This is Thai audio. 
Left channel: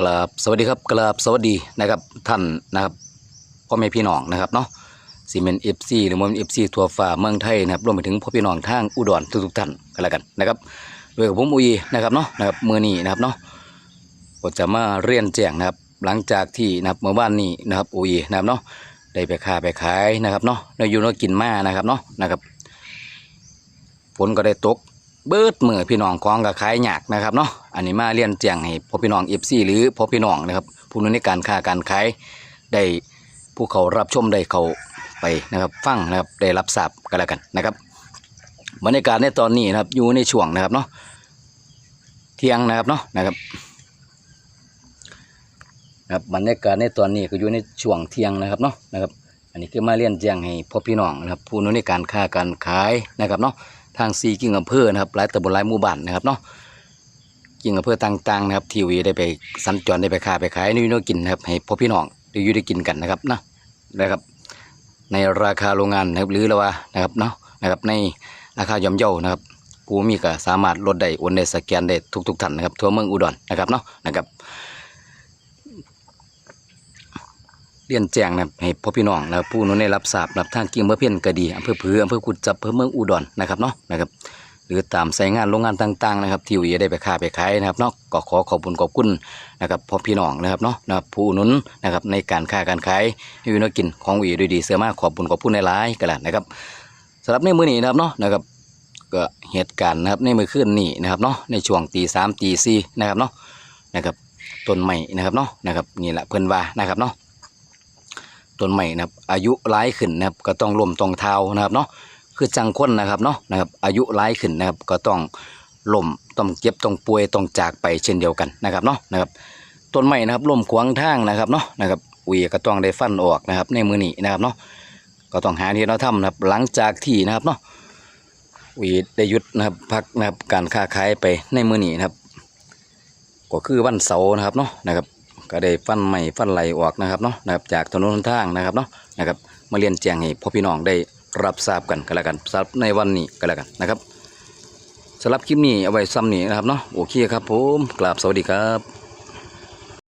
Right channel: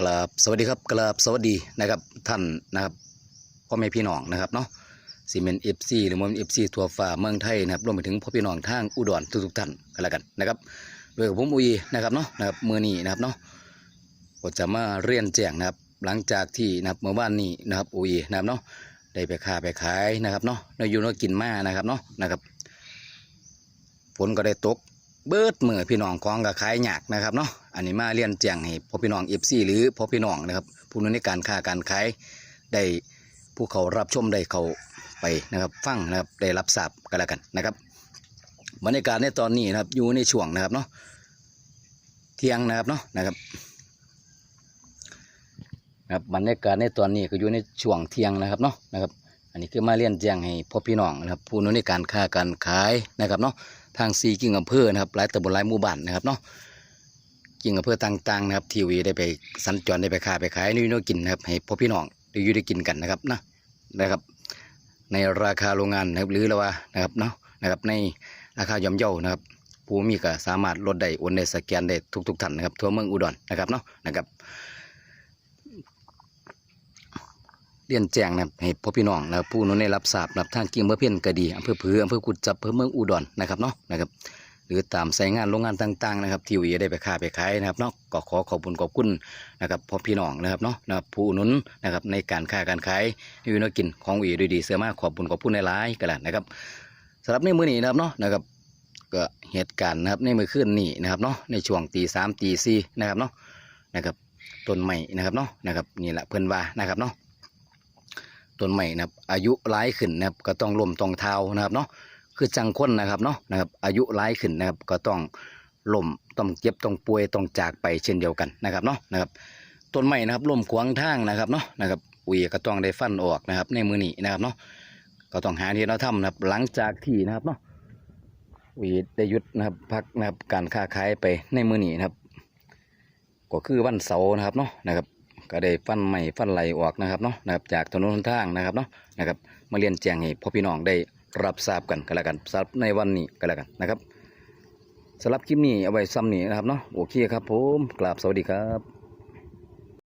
กราบสวัสดีครับกราบสวัสดีนะครับท่านนะครับพ่อแม่พี่น้องนะครับเนาะซีเมนเอฟซีหรือมันเอฟซีทัวฟ้าเมืองไทยนะครับรวมไปถึงพ่อพี่น้องทางอุดรทุกๆท่านกันแล้วกันนะครับด้วยกับผมอุยนะครับเนาะนะครับมือนี้นะครับเนาะก็จะมาเรียนแจ้งนะครับหลังจากที่นะครับเมื่อวานนี้นะครับอุยนะครับเนาะได้ไปค้าไปขายนะครับเนาะได้อยู่นกินมานะครับเนาะนะครับฝนก็ได้ตก เบิดมือพี่น้องของกับขายหยากนะครับเนาะอันนี้มาเรียนแจ้งให้พ่อพี่น้องเอฟซีหรือพ่อพี่น้องนะครับผู้นู้นในการค้าการขายได้ผู้เขารับชมได้เขาไปนะครับฟังนะครับได้รับทราบกันแล้วกันนะครับบรรยากาศในตอนนี้นะครับอยู่ในช่วงนะครับเนาะเที่ยงนะครับเนาะนะครับนะครับบรรยากาศในตอนนี้ก็อยู่ในช่วงเที่ยงนะครับเนาะนะครับ อันนี้คือมาเรียนแจ้งให้พ่อพี่น้องนะครับผู้นู้นในการค้าการขายนะครับเนาะ ทางซีกิ่งอำเภอนะครับหลายตำบลหลายหมู่บ้านนะครับเนาะกิ่งอำเภอต่างๆนะครับทีวีได้ไปสัญจรได้ไปค้าไปขายนี่น้กินนะครับให้พ่อพี่น้องได้อยู่ได้กินกันนะครับนะนะครับ ในราคาโรงงานนะครับหรือละว่านะครับเนาะนะครับในราคาย่อมเยานะครับผู้มีก็สามารถลดได้โอนได้สแกนได้ทุกๆท่านนะครับทั่วเมืองอุดรนะครับเนาะนะครับ เรียนแจ้งนะครับให้พ่อพี่น้องนะผู้นั้นได้รับทราบรับทางกิ่งเมื่อเพี้ยนก็ดีอำเภอเพืออำเภอกุดจับอำเภอเมืองอุดรนะครับเนาะนะครับหรือตามสายงานโรงงานต่างๆนะครับที่วีได้ไปค้าไปขายนะครับเนาะก็ขอขอบคุณขอบคุณนะครับพ่อพี่น้องนะครับเนาะนะครับผู้นุนนะครับในการค้าการขายให้วีนกินของวีด้วยดีเสือมากขอบคุณขอบคุณในหลายกันแหละนะครับสำหรับในมื้อนี้นะครับเนาะนะครับก็เหตุการณ์นะครับในมื้อคืนนี้นะครับเนาะในช่วงตีสามตีสี่นะครับเนาะนะครับต้นใหม่นะครับเนาะนะครับนี่แหละเพิ่นว่านะครับเนาะ ต้นใหม่นะครับ อายุร้ายขึ้นนะครับ ก็ต้องล่มต้องเท้านะครับเนาะคือจังคนนะครับเนาะนะครับ อายุร้ายขึ้นนะครับก็ต้องล่มต้องเจ็บต้องป่วยต้องจากไปเช่นเดียวกันนะครับเนาะนะครับต้นใหม่นะครับล่มขวางทางนะครับเนาะนะครับอุยก็ต้องได้ฟันออกนะครับ ในมือนี้นะครับเนาะก็ต้องหาที่เราทำนะครับ หลังจากที่นะครับเนาะอุยได้หยุดนะครับพักนะครับการค้าขายไปในมือนี้นะครับ ก็คือวันเสาร์นะครับเนาะนะครับ ก็ได้ฟันใหม่ฟันไหลออกนะครับเนาะนะครับจากถนนทางนะครับเนาะนะครับมาเรียนแจ้งให้พ่อพี่น้องได้รับทราบกันกันแล้วกันสำหรับในวันนี้กันแล้วกันนะครับสำหรับคลิปนี้เอาไว้ซ้ำนี้นะครับเนาะโอเคครับผมกราบสวัสดีครับ